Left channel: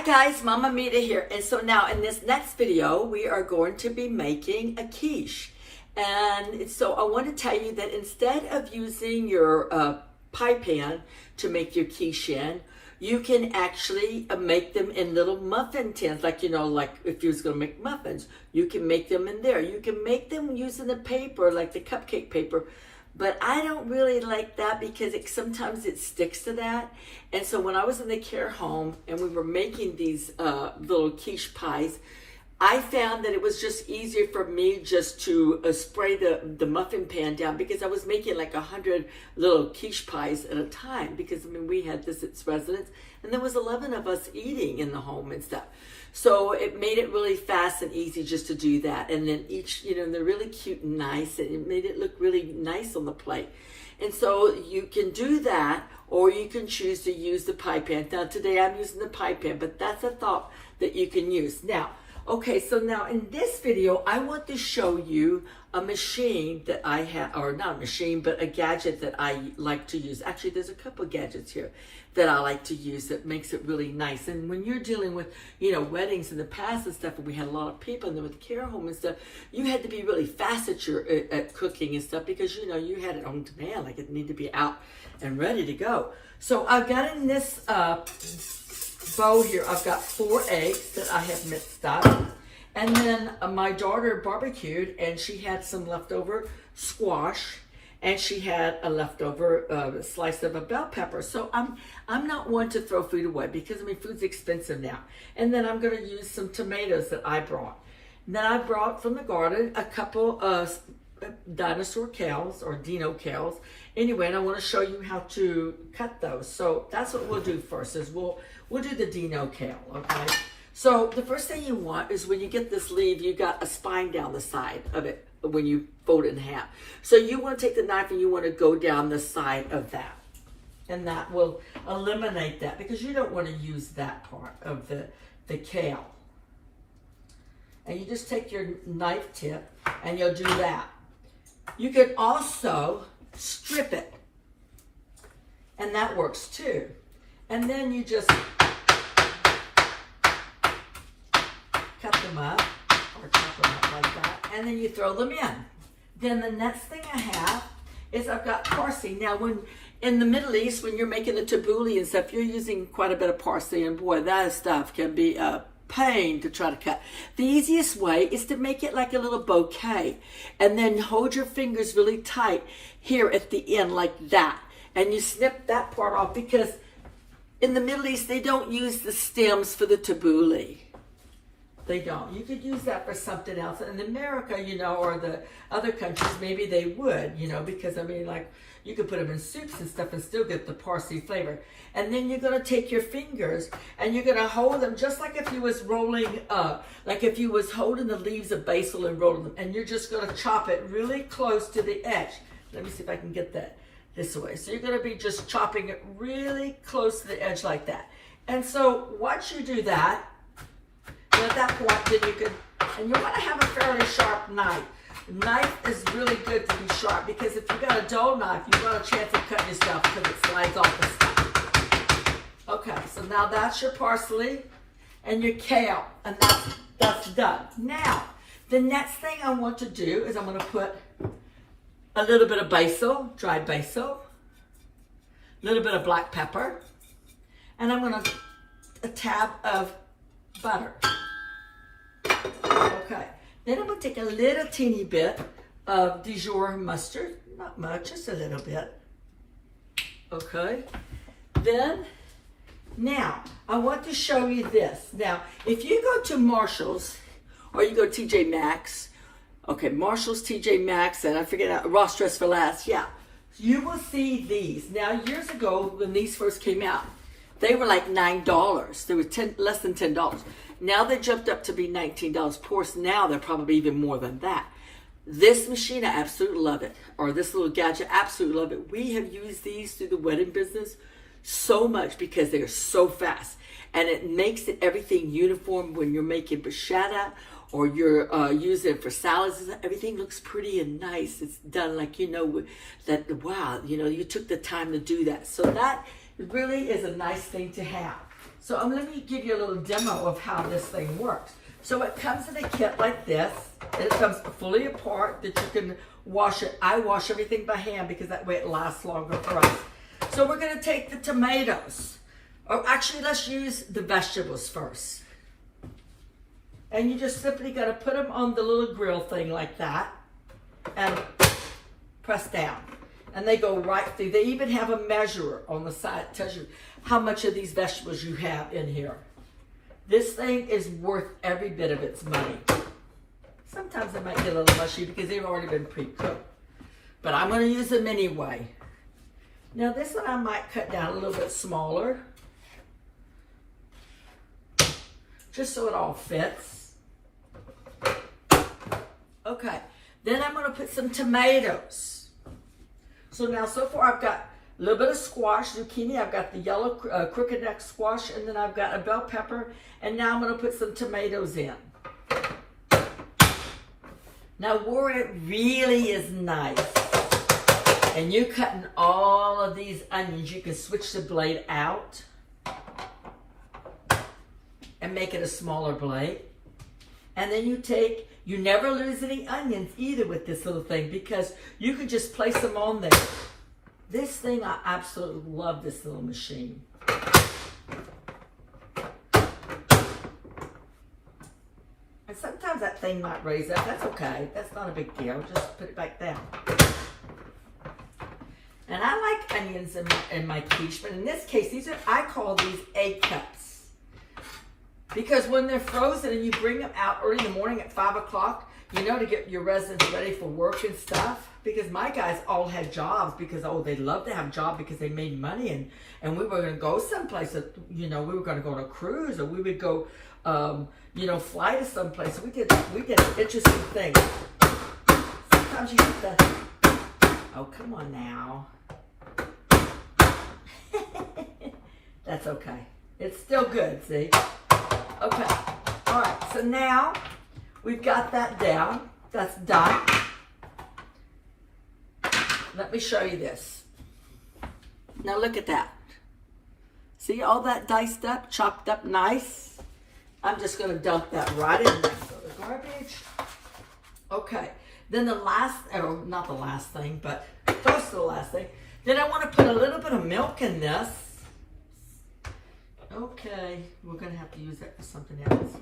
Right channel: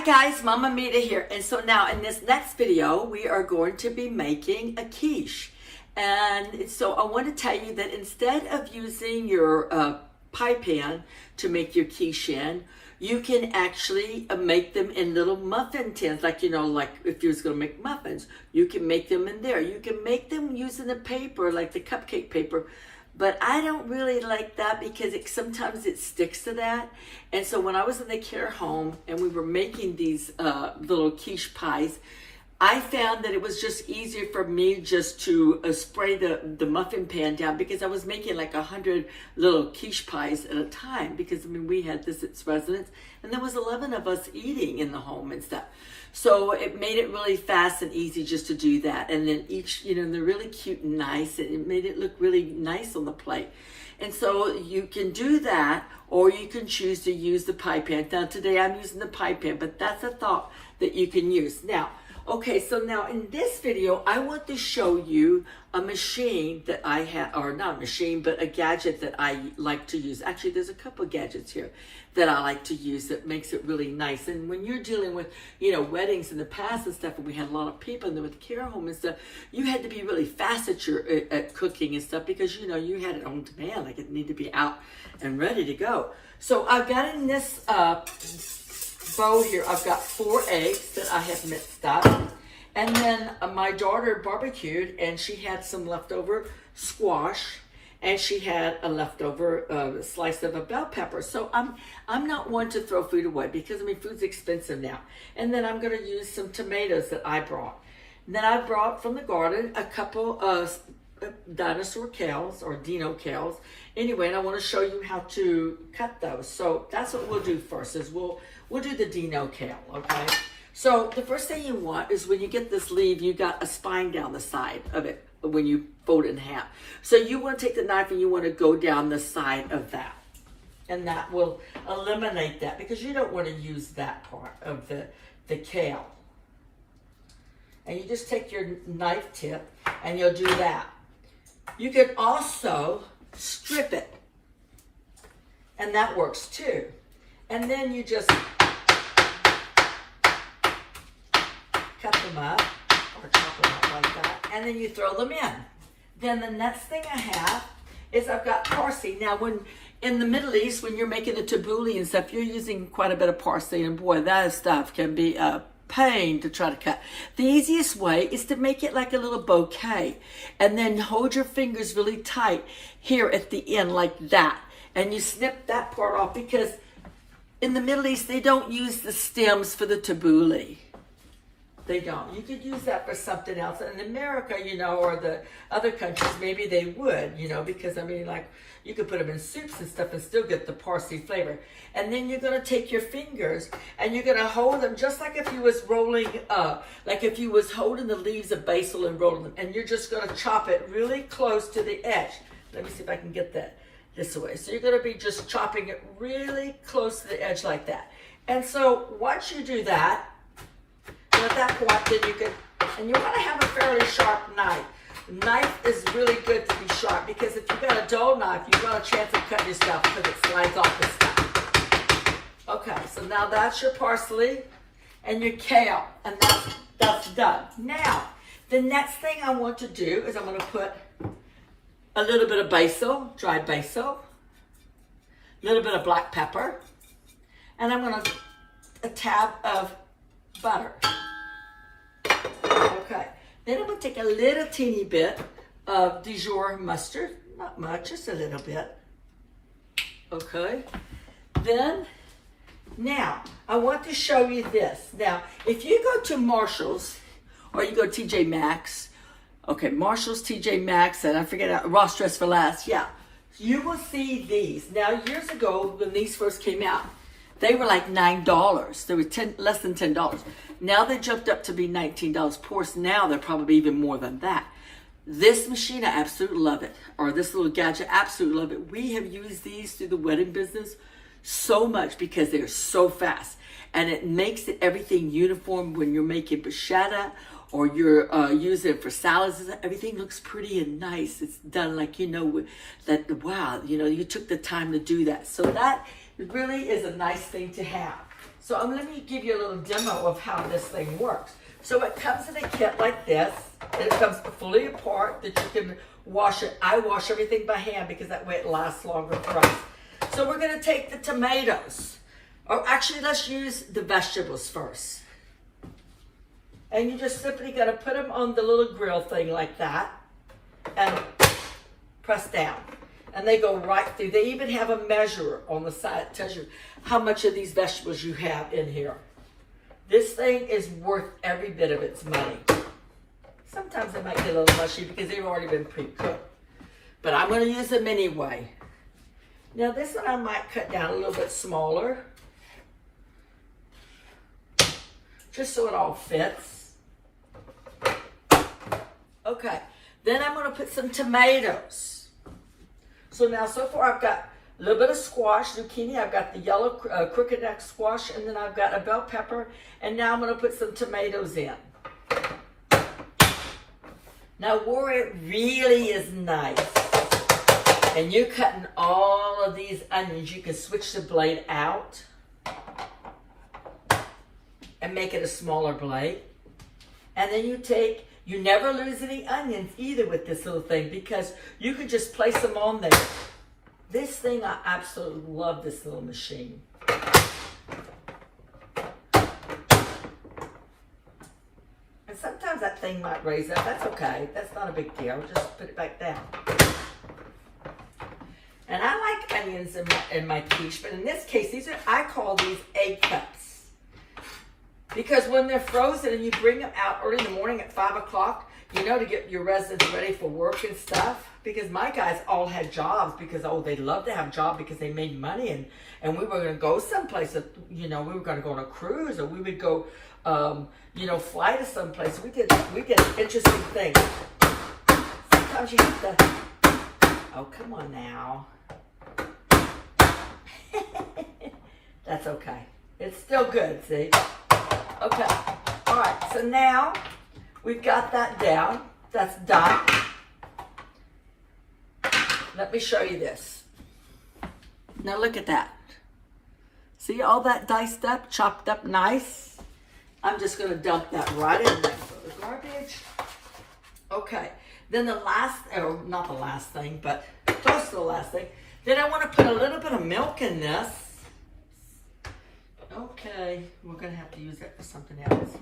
Hi guys, Mama Mita here. And so now in this next video, we are going to be making a quiche. And so I want to tell you that instead of using your pie pan to make your quiche in, you can actually make them in little muffin tins, like if you was going to make muffins, you can make them in there. You can make them using the paper, like the cupcake paper, but I don't really like that because sometimes it sticks to that. And so when I was in the care home and we were making these little quiche pies, I found that it was just easier for me just to spray the muffin pan down, because I was making like 100 little quiche pies at a time, because we had this at residence and there was 11 of us eating in the home and stuff. So it made it really fast and easy just to do that. And then each, they're really cute and nice, and it made it look really nice on the plate. And so you can do that, or you can choose to use the pie pan. Now today I'm using the pie pan, but that's a thought that you can use. Now, okay, so now in this video, I want to show you a machine that I have, or not a machine, but a gadget that I like to use. Actually, there's a couple of gadgets here that I like to use that makes it really nice. And when you're dealing with, weddings in the past and stuff, and we had a lot of people in there with the care home and stuff, you had to be really fast at cooking and stuff, because, you had it on demand, like it needed to be out and ready to go. So I've got in this bowl here, I've got 4 eggs that I have mixed up. And then my daughter barbecued, and she had some leftover squash, and she had a leftover slice of a bell pepper. So I'm not one to throw food away, because food's expensive now. And then I'm gonna use some tomatoes that I brought. And then I brought from the garden a couple of dinosaur kales, or dino kales. Anyway, and I want to show you how to cut those. So that's what we'll do first, is we'll do the dino kale, okay? So the first thing you want is, when you get this leaf, you got a spine down the side of it when you fold it in half. So you want to take the knife and you want to go down the side of that. And that will eliminate that, because you don't want to use that part of the kale. And you just take your knife tip and you'll do that. You can also strip it, and that works too. And then you just cut them up, or chop them up like that, and then you throw them in. Then the next thing I have is I've got parsley. Now, when in the Middle East, when you're making the tabbouleh and stuff, you're using quite a bit of parsley, and boy, that stuff can be a pain to try to cut. The easiest way is to make it like a little bouquet, and then hold your fingers really tight here at the end like that, and you snip that part off, because in the Middle East they don't use the stems for the tabbouleh. They don't. You could use that for something else. In America, or the other countries, maybe they would, because you could put them in soups and stuff and still get the parsley flavor. And then you're going to take your fingers and you're going to hold them just like if you was rolling up, like if you was holding the leaves of basil and rolling them, and you're just going to chop it really close to the edge. Let me see if I can get that this way. So you're going to be just chopping it really close to the edge like that. And so once you do that, at that point, then you can, and you want to have a fairly sharp knife. Knife is really good to be sharp, because if you've got a dull knife, you've got a chance of cutting yourself, because it slides off the stuff. Okay, so now that's your parsley and your kale, and that's done. Now, the next thing I want to do is I'm going to put a little bit of basil, dried basil, a little bit of black pepper, and I'm going to a tab of butter. Okay, then I'm going to take a little teeny bit of Dijon mustard, not much, just a little bit. Okay, then now I want to show you this. Now, if you go to Marshall's, or you go to TJ Maxx, okay, Marshall's, TJ Maxx, and I forget, Ross Dress for Less, yeah, you will see these. Now, years ago, when these first came out, they were like $9. They were less than $10. Now they jumped up to be $19. Of course, now they're probably even more than that. This machine, I absolutely love it. Or this little gadget, absolutely love it. We have used these through the wedding business so much, because they're so fast. And it makes it everything uniform when you're making bruschetta, or you're using it for salads. Everything looks pretty and nice. It's done like, that, wow, you took the time to do that. So that It really is a nice thing to have. So I'm going to give you a little demo of how this thing works. So it comes in a kit like this. It comes fully apart that you can wash it. I wash everything by hand because that way it lasts longer for us. So we're going to take the tomatoes. Or actually, let's use the vegetables first. And you just simply got to put them on the little grill thing like that. And press down. And they go right through. They even have a measurer on the side that tells you how much of these vegetables you have in here. This thing is worth every bit of its money. Sometimes they might get a little mushy because they've already been pre-cooked. But I'm going to use them anyway. Now this one I might cut down a little bit smaller. Just so it all fits. Okay. Then I'm going to put some tomatoes. So now so far I've got a little bit of squash, zucchini. I've got the yellow crooked neck squash, and then I've got a bell pepper. And now I'm going to put some tomatoes in. Now where it really is nice, and you're cutting all of these onions, you can switch the blade out and make it a smaller blade. And then you never lose any onions either with this little thing because you can just place them on there. This thing, I absolutely love this little machine. And sometimes that thing might raise up. That's okay. That's not a big deal. Just put it back down. And I like onions in my quiche, but in this case, I call these egg cups. Because when they're frozen and you bring them out early in the morning at 5 o'clock, you know, to get your residents ready for work and stuff. Because my guys all had jobs because, they love to have a job because they made money. And we were going to go someplace, we were going to go on a cruise or we would go, fly to someplace. We did interesting things. Sometimes you have to, oh, come on now. That's okay. It's still good, see? Okay, all right, so now we've got that down. That's done. Let me show you this. Now look at that. See all that diced up, chopped up nice? I'm just gonna dump that right in there for the garbage. Okay, then the last, or not the last thing, but close to the last thing. Then I wanna put a little bit of milk in this. Okay, we're going to have to use that for something else.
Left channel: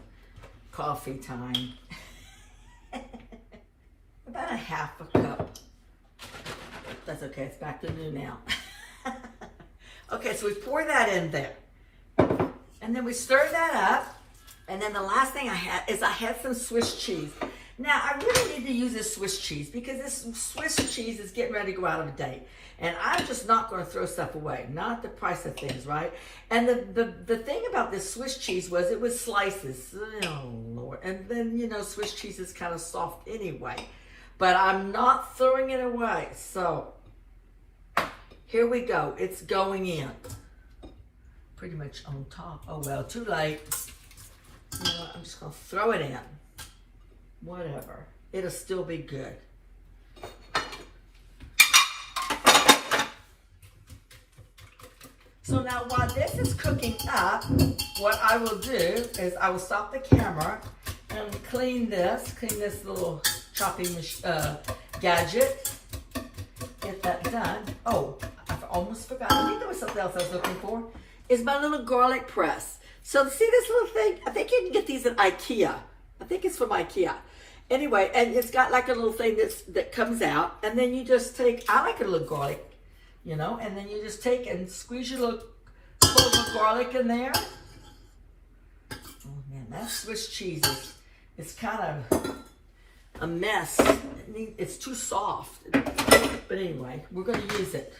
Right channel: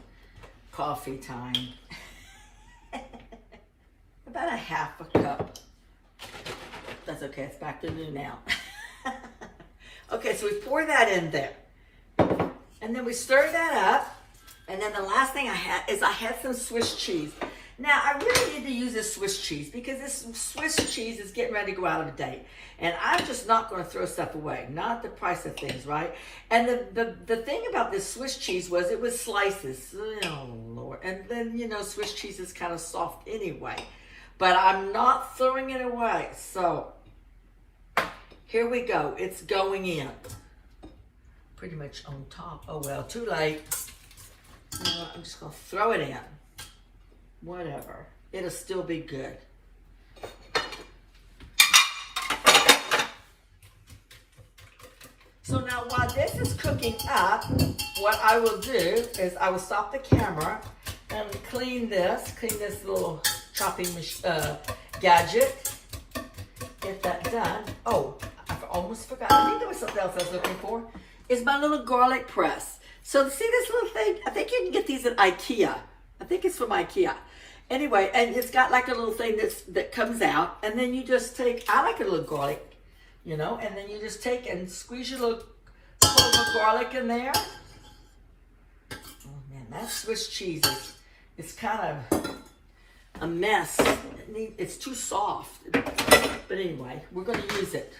Coffee time. About a half a cup. That's okay, it's back to new now. Okay, so we pour that in there. And then we stir that up. And then the last thing I had some Swiss cheese. Now, I really need to use this Swiss cheese because this Swiss cheese is getting ready to go out of date. And I'm just not going to throw stuff away. Not the price of things, right? And the thing about this Swiss cheese was it was slices. Oh, Lord. And then, Swiss cheese is kind of soft anyway. But I'm not throwing it away. So, here we go. It's going in. Pretty much on top. Oh, well, too late. You know what? I'm just going to throw it in. Whatever. It'll still be good. So now while this is cooking up, what I will do is I will stop the camera and clean this little chopping gadget. Get that done. Oh, I almost forgot. I think there was something else I was looking for. Is my little garlic press. So see this little thing? I think you can get these at IKEA. I think it's from IKEA. Anyway, and it's got like a little thing that comes out, and then you just take, I like a little garlic, and then you just take and squeeze your little clove of garlic in there. Oh man, that Swiss cheese is kind of a mess. It's too soft. But anyway, we're going to use it.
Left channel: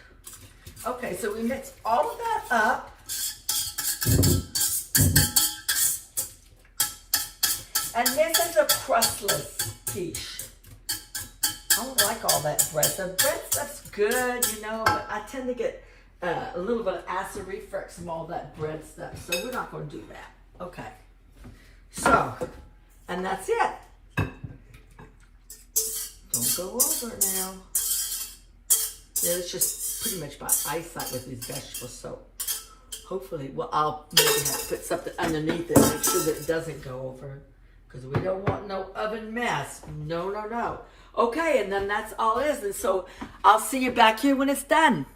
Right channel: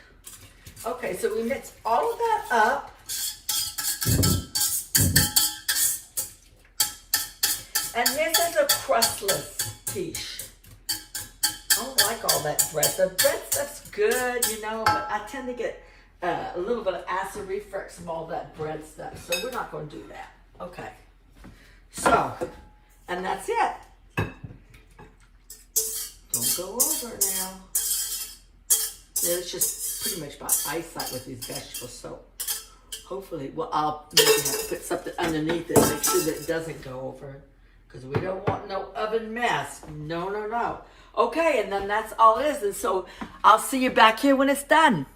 Okay, so we mix all of that up. And this is a crustless quiche. I don't like all that bread. The bread stuff's good, but I tend to get a little bit of acid reflux from all that bread stuff. So we're not going to do that. Okay. So, and that's it. Don't go over it now. Yeah, it's just pretty much by eyesight with these vegetables. So, Hopefully, well, I'll maybe have to put something underneath it, make sure that it doesn't go over. Because we don't want no oven mess. No, no, no. Okay, and then that's all it is. And so I'll see you back here when it's done.